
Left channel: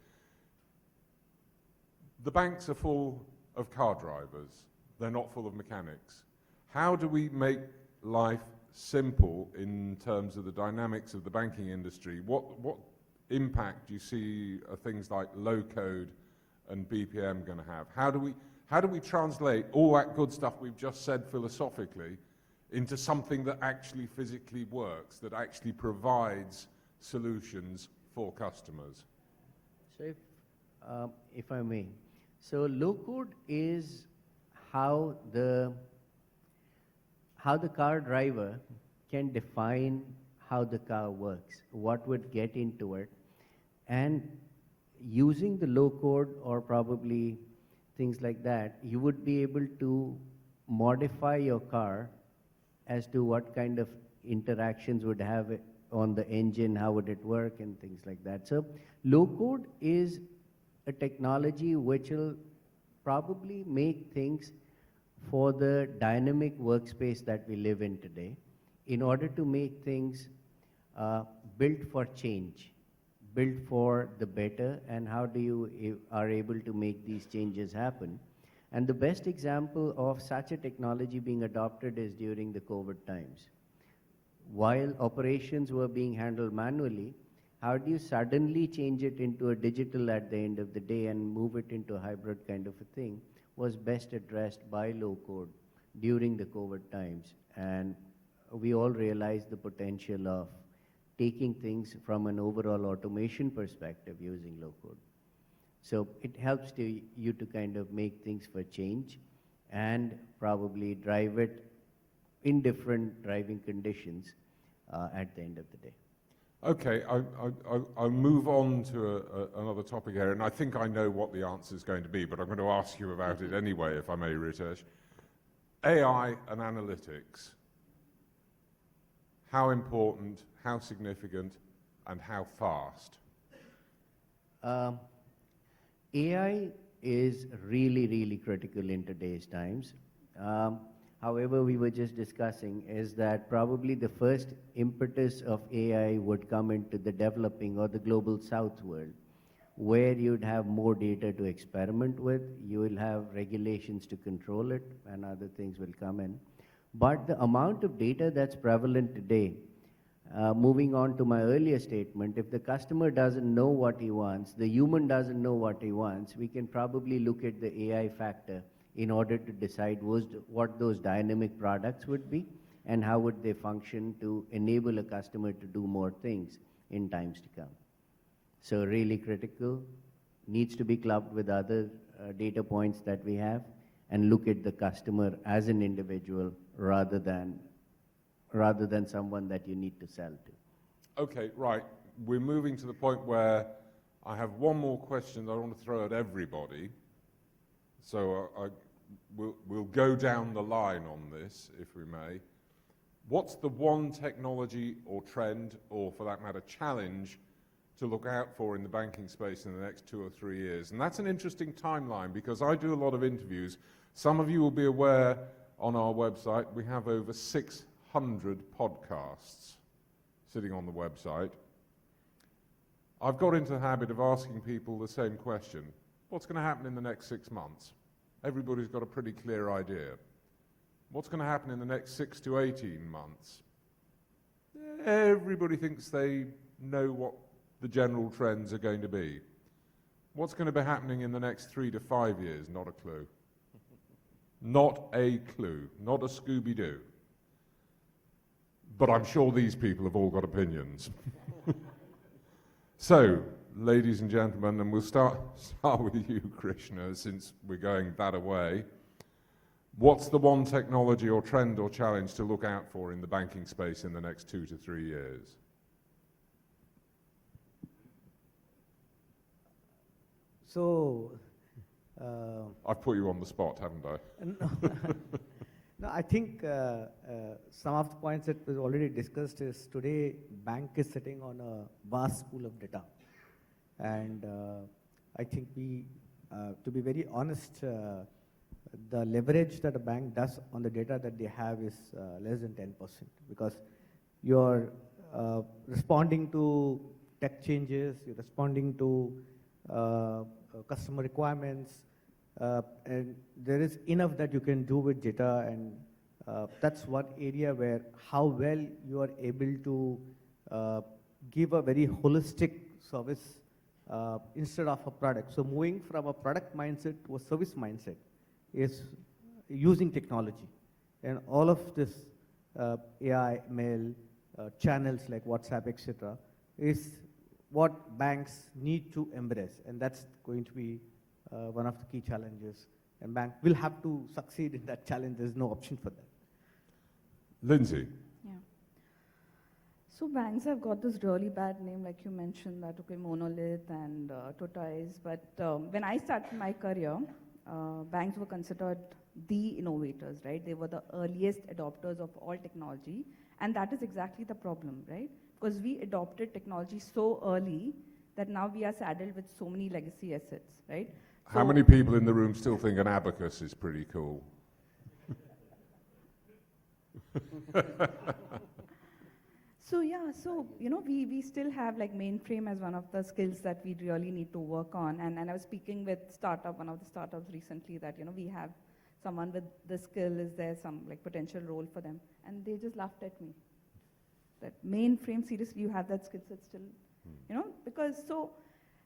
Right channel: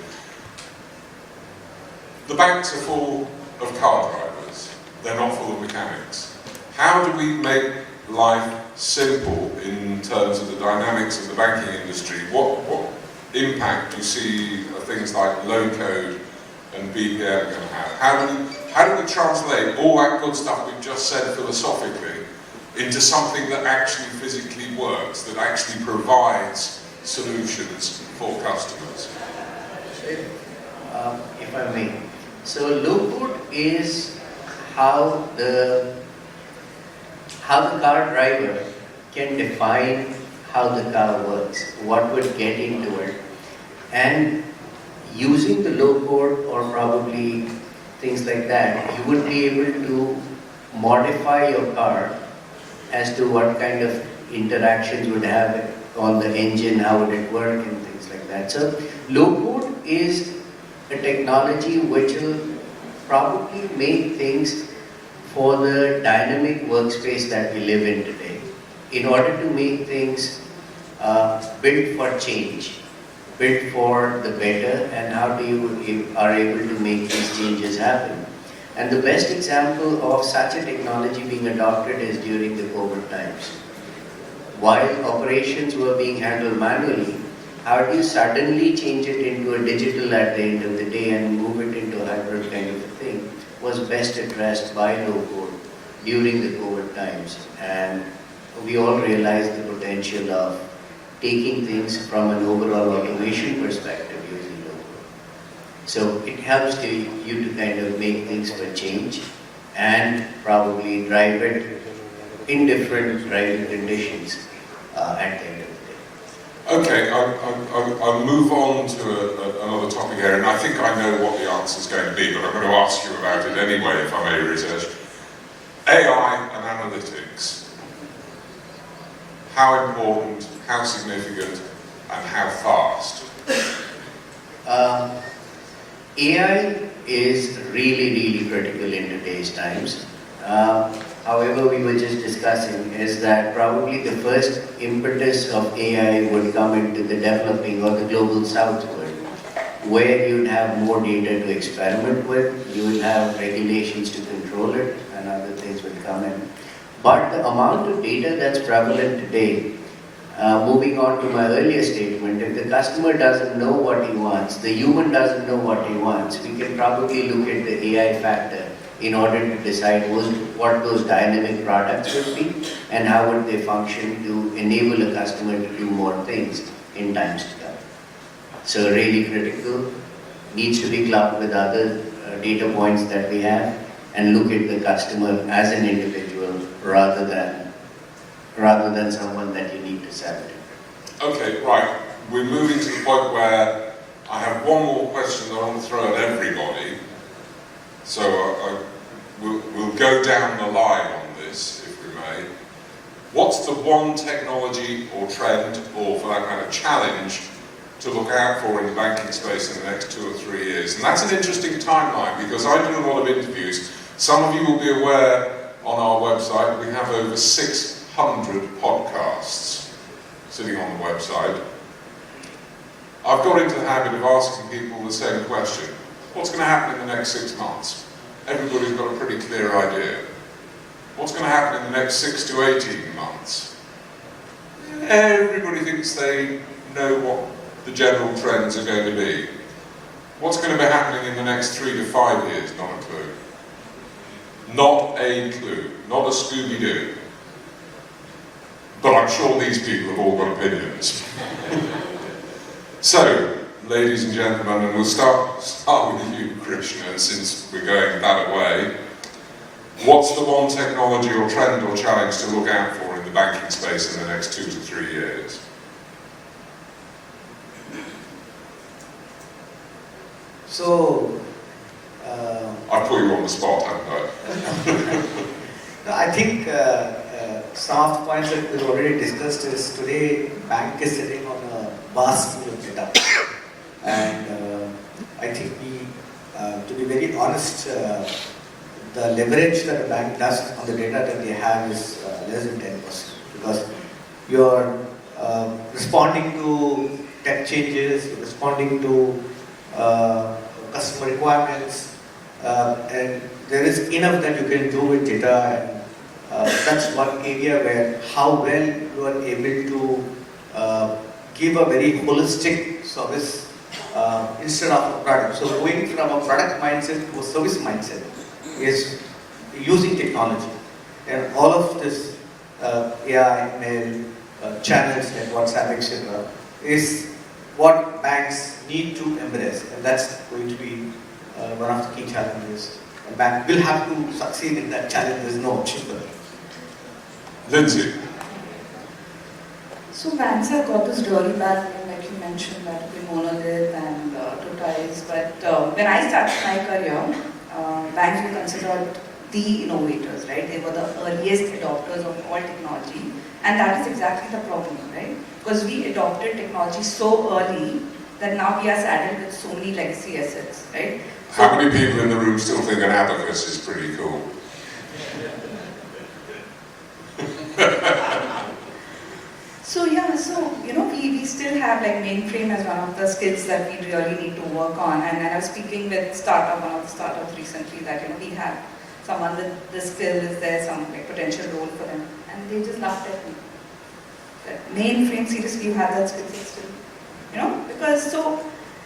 The banks are full of car drivers, they're not full of mechanics. How do we make life simple in terms of the dynamics of the banking industry? What impact do you see things like low code and BPM going to have? How do we translate all that good stuff we've just said philosophically into something that actually physically works, that actually provides solutions for customers? If I may. So low code is how the car driver can define how the car works, what would get into it, and using the low code or probably things like that, you would be able to modify your car as to what kind of interactions would have on the engine, how would it work and things like that. So low code is a technology which will probably make things for the dynamic workspace that we live in today, in order to make things built for change, built for the better, and how do you are able to make these changes happen. And the best example of such a technology being adopted is during the COVID times. While operations were being handled manually, how do you suddenly change it into a digital at the end of the day and move it into a hybrid kind of a thing was best addressed by low code during the COVID times. And we all realized the potential of taking things from an overall automation perspective using low code. So it helps you to kind of make things for change and probably drive it in different driving conditions at the end of the day. Okay, I'll move on to another topic area, and I think I know what the answer is going to be, but I'm going to ask you about it anyway, if I may, Ritesh. AI and analytics. How important, how significant, and how fast? AI is really critical in today's times. However, we were just discussing is that probably the first impetus of AI would come into the developing or the global south world, where you'd have more data to experiment with, you would have regulations to control it, and other things would come in. But the amount of data that's prevalent today, moving on to my earlier statement, if the customer doesn't know what he wants, the human doesn't know what he wants, we can probably look at the AI factor in order to decide what those dynamic products would be and how would they function to enable a customer to do more things in times to come. So really critical, needs to be clubbed with other data points that we have and look at the customer as an individual rather than someone that you need to sell to. Okay, right. We're moving to the point where I have one more question that I want to throw at everybody. So we'll go down the line on this, if we may. What's the one technology or trend, or for that matter, challenge, to look out for in the banking space in the next 2 or 3 years? And that's an interesting timeline, because I do a lot of interviews. Some of you will be aware on our website we have over 600 podcasts sitting on the website. I've got into the habit of asking people the same question. What's going to happen in the next 6 months? Everybody's got a pretty clear idea. What's going to happen in the next 6 to 18 months? Everybody thinks they know what the general trends are going to be. What's going to be happening in the next 3 to 5 years? Not a clue. Not a clue. Not a Scooby-Doo. But I'm sure these people have all got opinions. So, ladies and gentlemen, and we'll start with you, Krishnha, since we're going that way. What's the one technology or trend or challenge to look out for in the banking space in the next 2 to 3 years? So, I've put you on the spot, haven't I? no, I think some of the points that we've already discussed is today bank is sitting on a vast pool of data. And I think to be very honest, the leverage that a bank does on the data that they have is less than 10%. Because you're responding to tech changes, you're responding to customer requirements, and there is enough that you can do with data, and that's one area where how well you are able to give a very holistic service instead of a product. So going from a product mindset to a service mindset is using technology. And all of this AI, ML, channels like WhatsApp, etc. is what banks need to embrace. And that's going to be one of the key challenges. A bank will have to succeed in that challenge, there's no option for it. Lincy. So banks have got this really bad name, like you mentioned, that we monolith and totalize. But when I started my career, banks were considered the innovators, right? They were the earliest adopters of all technology, and that is exactly the problem, right? Because we adopted technology so early that now we are saddled with so many legacy assets, right? How many people in the room still think an abacus is pretty cool? So yeah, so we still have like mainframe as one of the skills that we really need to work on. And I was speaking with one of the startups recently that we have someone with the skill, is there some like potential role for them? And they just laughed at me. That mainframe, seriously, you have that skill set still, because so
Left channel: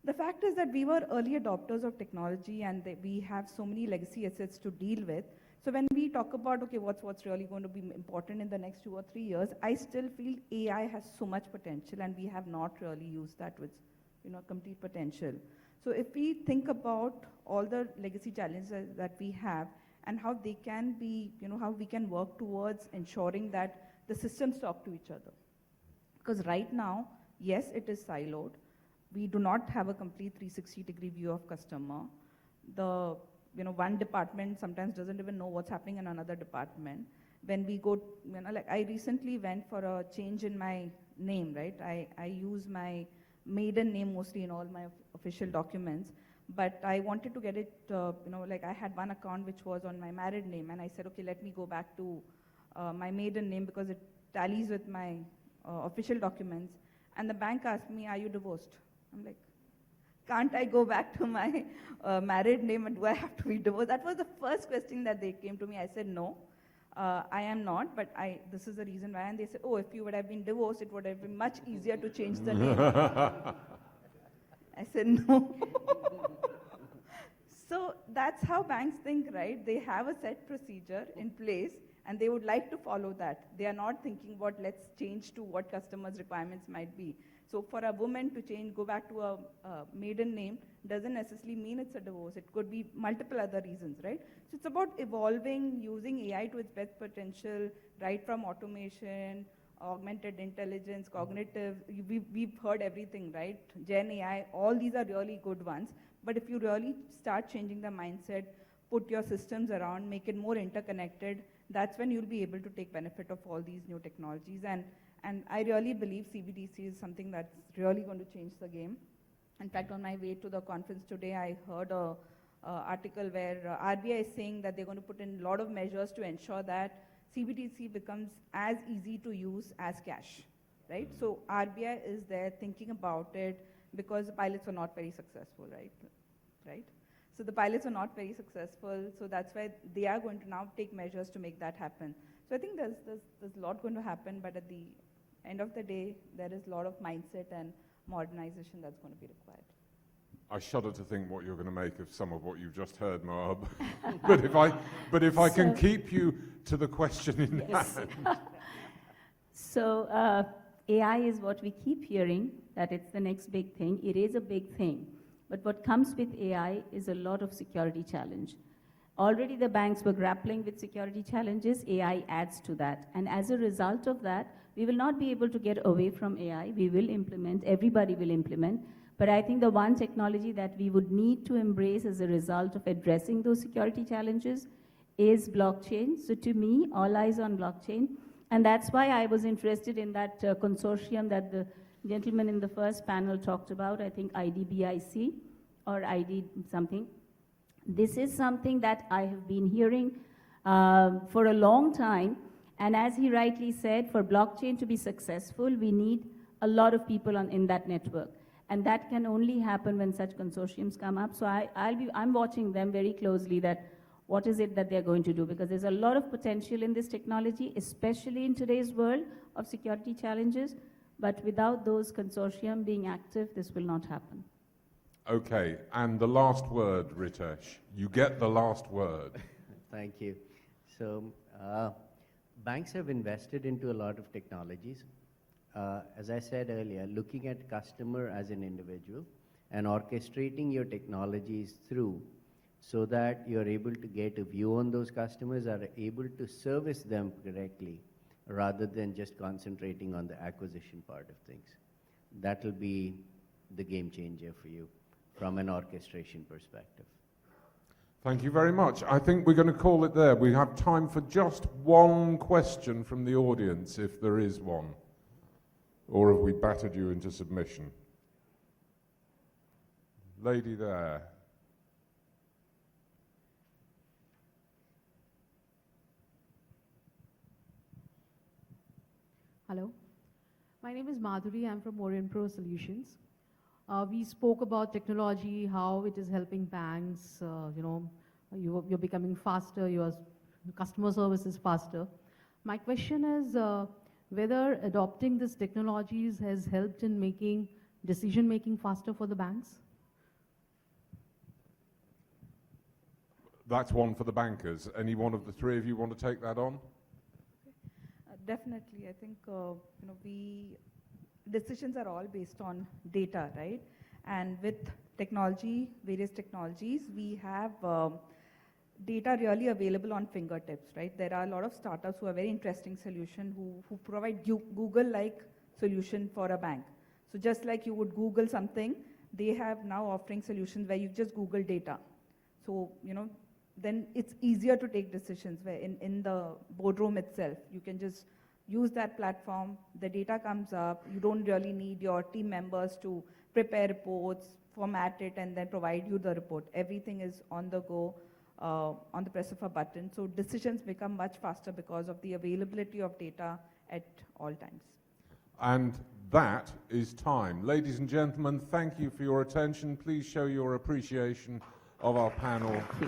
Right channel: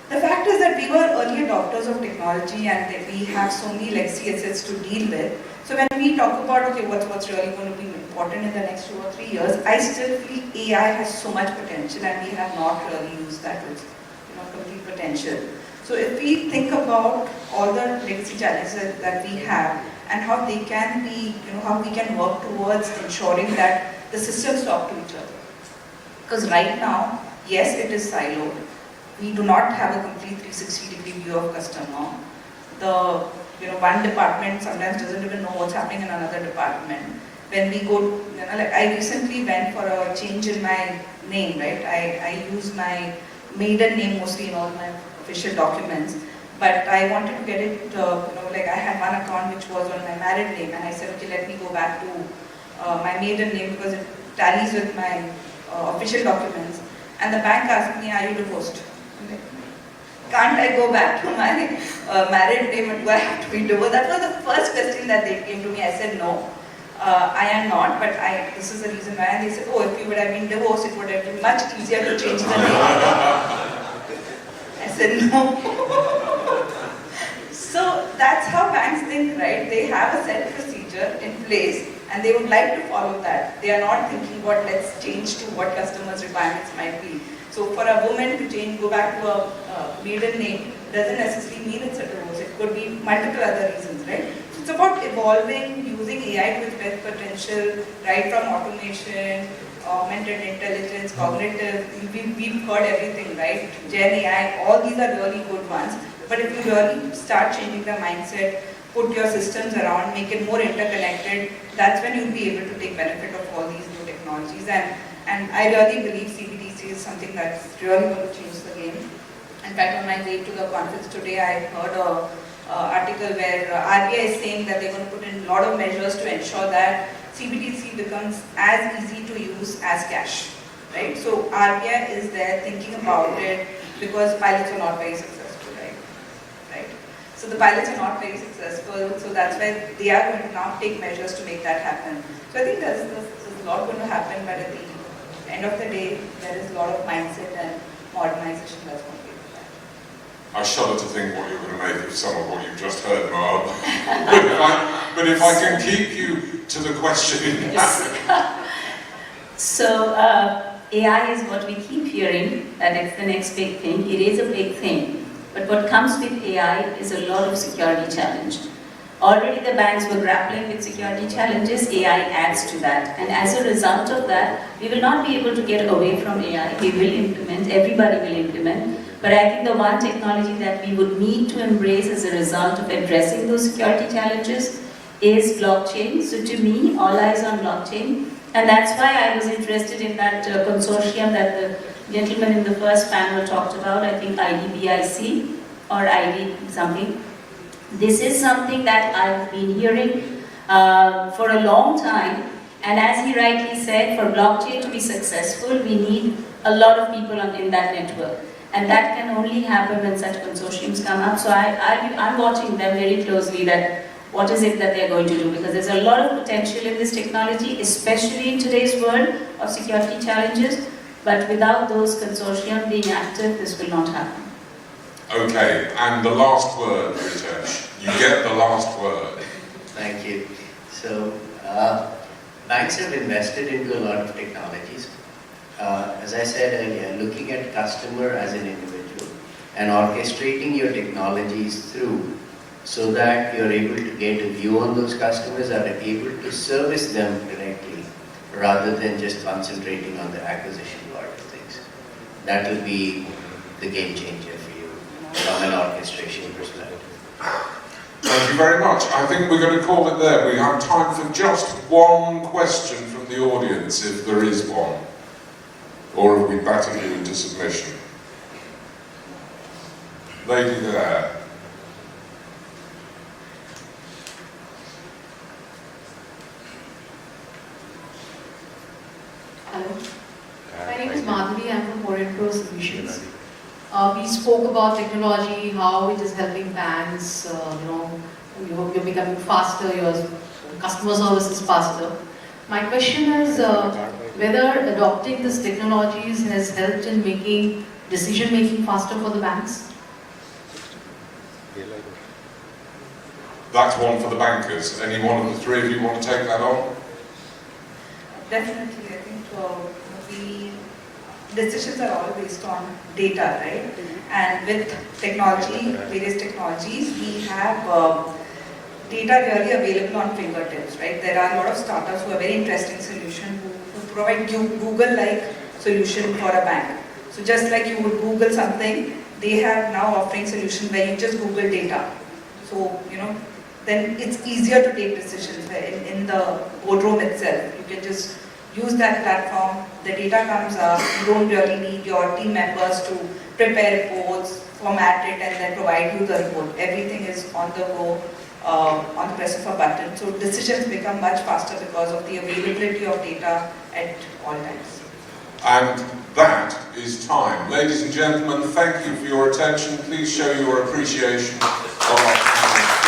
the fact is that we were early adopters of technology and that we have so many legacy assets to deal with. So when we talk about what's really going to be important in the next 2 or 3 years, I still feel AI has so much potential and we have not really used that with complete potential. So if we think about all the legacy challenges that we have and how they can be, how we can work towards ensuring that the systems talk to each other. Because right now, yes, it is siloed. We do not have a complete 360-degree view of customer. The one department sometimes doesn't even know what's happening in another department. When we go, like I recently went for a change in my name, right? I use my maiden name mostly in all my official documents, but I wanted to get it, like I had one account which was on my married name, and I said, okay, let me go back to my maiden name because it tallies with my official documents. And the bank asked me, are you divorced? Can't I go back to my married name, and do I have to be divorced? That was the first question that they came to me. I said, no, I am not, but this is the reason why. And they said, oh, if you would have been divorced, it would have been much easier to change the name. I said, no. So that's how banks think, right? They have a set procedure in place, and they would like to follow that. They are not thinking what let's change to what customers' requirements might be. So for a woman to change, go back to a maiden name, doesn't necessarily mean it's a divorce. It could be multiple other reasons, right? So it's about evolving, using AI to its best potential, right from automation, augmented intelligence, cognitive. We've heard everything, right? Gen AI, all these are really good ones. But if you really start changing the mindset, put your systems around, make it more interconnected, that's when you'll be able to take benefit of all these new technologies. And I really believe CBDC is something that's really going to change the game. In fact, on my way to the conference today, I heard an article where RBI is saying that they're going to put in a lot of measures to ensure that CBDC becomes as easy to use as cash, right? So RBI is there thinking about it because pilots are not very successful, right? So the pilots are not very successful, so that's why they are going to now take measures to make that happen. So I think there's a lot going to happen, but at the end of the day, there is a lot of mindset and modernization that's going to be required. I shudder to think what you're going to make of some of what you've just heard, Mark. but if I can keep you to the question. So AI is what we keep hearing, that it's the next big thing. It is a big thing. But what comes with AI is a lot of security challenge. Already the banks were grappling with security challenges, AI adds to that. And as a result of that, we will not be able to get away from AI. We will implement, everybody will implement. But I think the one technology that we would need to embrace as a result of addressing those security challenges is blockchain. So to me, all eyes on blockchain. And that's why I was interested in that consortium that the gentleman in the first panel talked about, I think IBSi or ID something. This is something that I've been hearing for a long time, and as he rightly said, for blockchain to be successful, we need a lot of people in that network, and that can only happen when such consortiums come up. So I'm watching them very closely, that what is it that they're going to do, because there's a lot of potential in this technology, especially in today's world of security challenges, but without those consortium being active, this will not happen. Okay, and the last word, Ritesh. You get the last word. Thank you. So, banks have invested into a lot of technologies. As I said earlier, looking at customer as an individual and orchestrating your technologies through so that you're able to get a view on those customers, are able to service them directly rather than just concentrating on the acquisition part of things. That will be the game changer for you from an orchestration perspective. Thank you very much. I think we're going to call it there. We have time for just one question from the audience, if there is one. Or have we battered you into submission? Lady there. Hello. My name is Madhavi. I'm from Moderator Solutions. We spoke about technology, how it is helping banks. You're becoming faster. Your customer service is faster. My question is whether adopting these technologies has helped in making decision making faster for the banks. That's one for the bankers. Any one of the three of you want to take that on? Definitely, I think decisions are all based on data, right? And with technology, various technologies, we have data really available on fingertips, right? There are a lot of startups who have very interesting solutions who provide Google-like solution for a bank. So just like you would Google something, they have now offering solution where you just Google data. So, then it's easier to take decisions where in the boardroom itself. You can just use that platform, the data comes up, you don't really need your team members to prepare reports, format it and then provide you the report. Everything is on the go, on the press of a button. So decisions become much faster because of the availability of data at all times. And that is time. Ladies and gentlemen, thank you for your attention. Please show your appreciation of our panel.